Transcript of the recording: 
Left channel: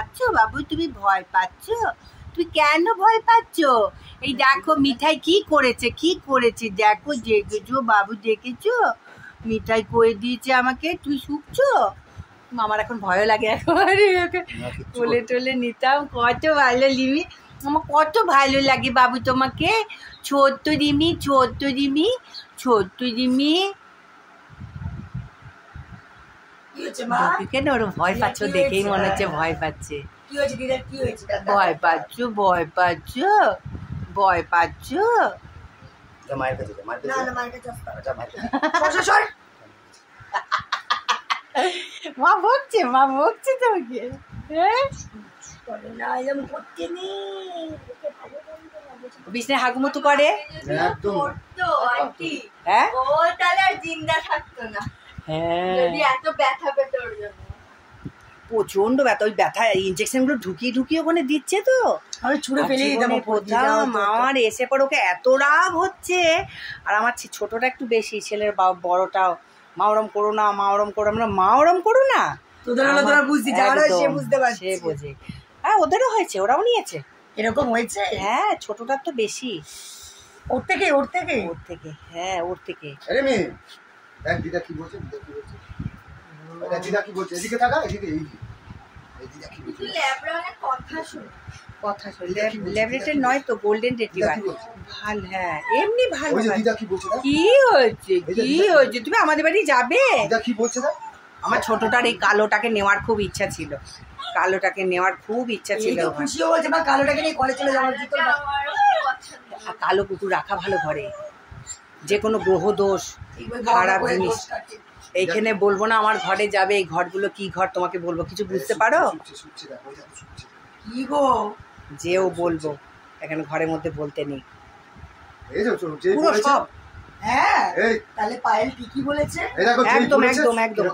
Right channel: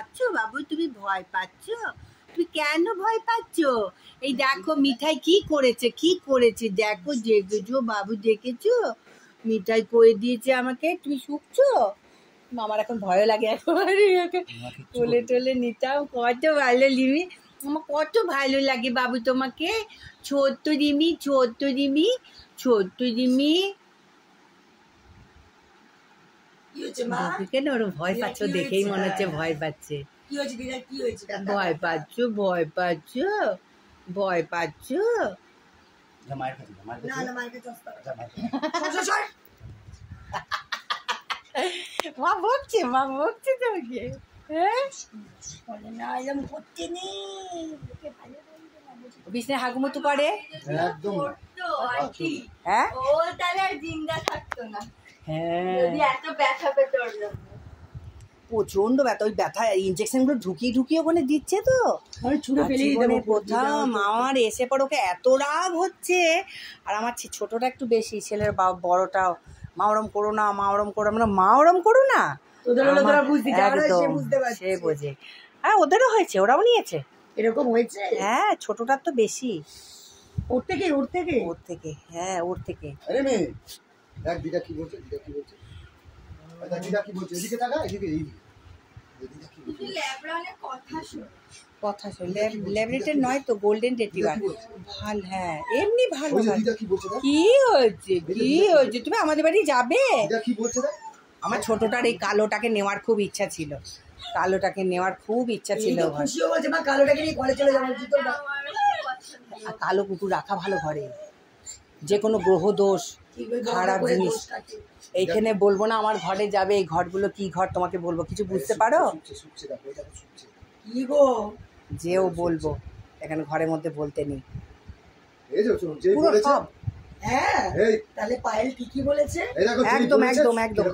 পাচ্ছ বাবু? তুমি ভয় পাচ্ছ? তুমি কেন ভয় পাচ্ছ? এই দেখো মিঠাই কি করেছে, কি করেছে দেখো। দেখেছো বাবু, দেখেছো মিঠাই করে দিয়েছে আমাকে। তুমি শুকছো? আমার এখন ভয় লাগে একেবারে। তুলে টলে নিতাম, কত ভালো লিমি, আমার কত ভালো লাগে বাবু তোমাকে। ছোট্ট রিমি, ছোট্ট রিমি, ছোট্ট রিমি। কেন ওর ভয় পাচ্ছ? দেখেই মনে হচ্ছে ভয় পাচ্ছে। ভয় পাচ্ছ, ভয় পাচ্ছ, ভয় পাচ্ছ। মা বকছে, মা বকছে তোমাকে। বিষ্ণু হাগুমতু করে। হ্যাঁ, ও তাহলে আর জিন্দা থাকতো না। হ্যাঁ, এত ব্যথা পেত ওর জন্য, প্রচন্ড ব্যথা। ওই ব্যথা ইনজেকশন গুলো ঢুকিয়ে ঢুকিয়ে ওখানে দিচ্ছে তো, আমি ছুঁড়ে ফেলেই দেবো। আমার এসে পর ওকে এত রাগ হচ্ছে। আর আমার ছোটটা একটু বেশি, ছেলের বড়টা মাওরম করো না, মাওরম করো, আমরা মাওরম করো না। তোদের হলো তোরা বুঝতে যাওয়ার, সে বুঝতে পারছে, সে বোঝে। হ্যাঁ, ওদেরও হয়েছে, ওরাও নিয়েছে, এরকম হয়েছে। হ্যাঁ, ছোটটার তো বেশি। ওর থেকে, ওর থেকে, ওর থেকে, হ্যাঁ ওর থেকে। আরে মেয়ে দেখ দিদা কি বলছে, দিদা কি বলছে, দিদা কি বলছে, এদিকে তাকা, এদিকে, দিদা কি বলছে। তুই ল্যাবরানের কথা শুন, কথা শুন। ল্যাবরেটরি নয় তো, গোল্ডেন রিট্রিভার। ভালো, হ্যাঁ এমনি ভালো। ওই যে দিদা কি বলছে, কি হয়েছে, কি হয়েছে? তুমি আমাদের বাড়ি যাবে? দিদা কি বলছে? আমার ছোটটার এই কালোটাকে নেওয়ার খুব ইচ্ছা ছিল, কালোটাকে নেওয়ার খুব ইচ্ছা ছিল। খুশিও বলছে মা কালোটাকে নিয়ে ঘরে চলে যাওয়ার জন্য। কালো কুকুর রাখা ভালো ঘরে, যে কোনো গ্রহ দোষ, খারাপ জিনিস এইখানে বলবো না। আমার ঘরে যাবে, এই ঘরগুলো কি ঘর তোমাকে বলবো, কিছু বুঝতে পারো? কি গো, যেও বলবো, এখানে ঘরের মধ্যে বলতে নেই। সব হ্যাঁ, তাহলে পায়েল ঠিকই বলেছে। একদম একদম একদম।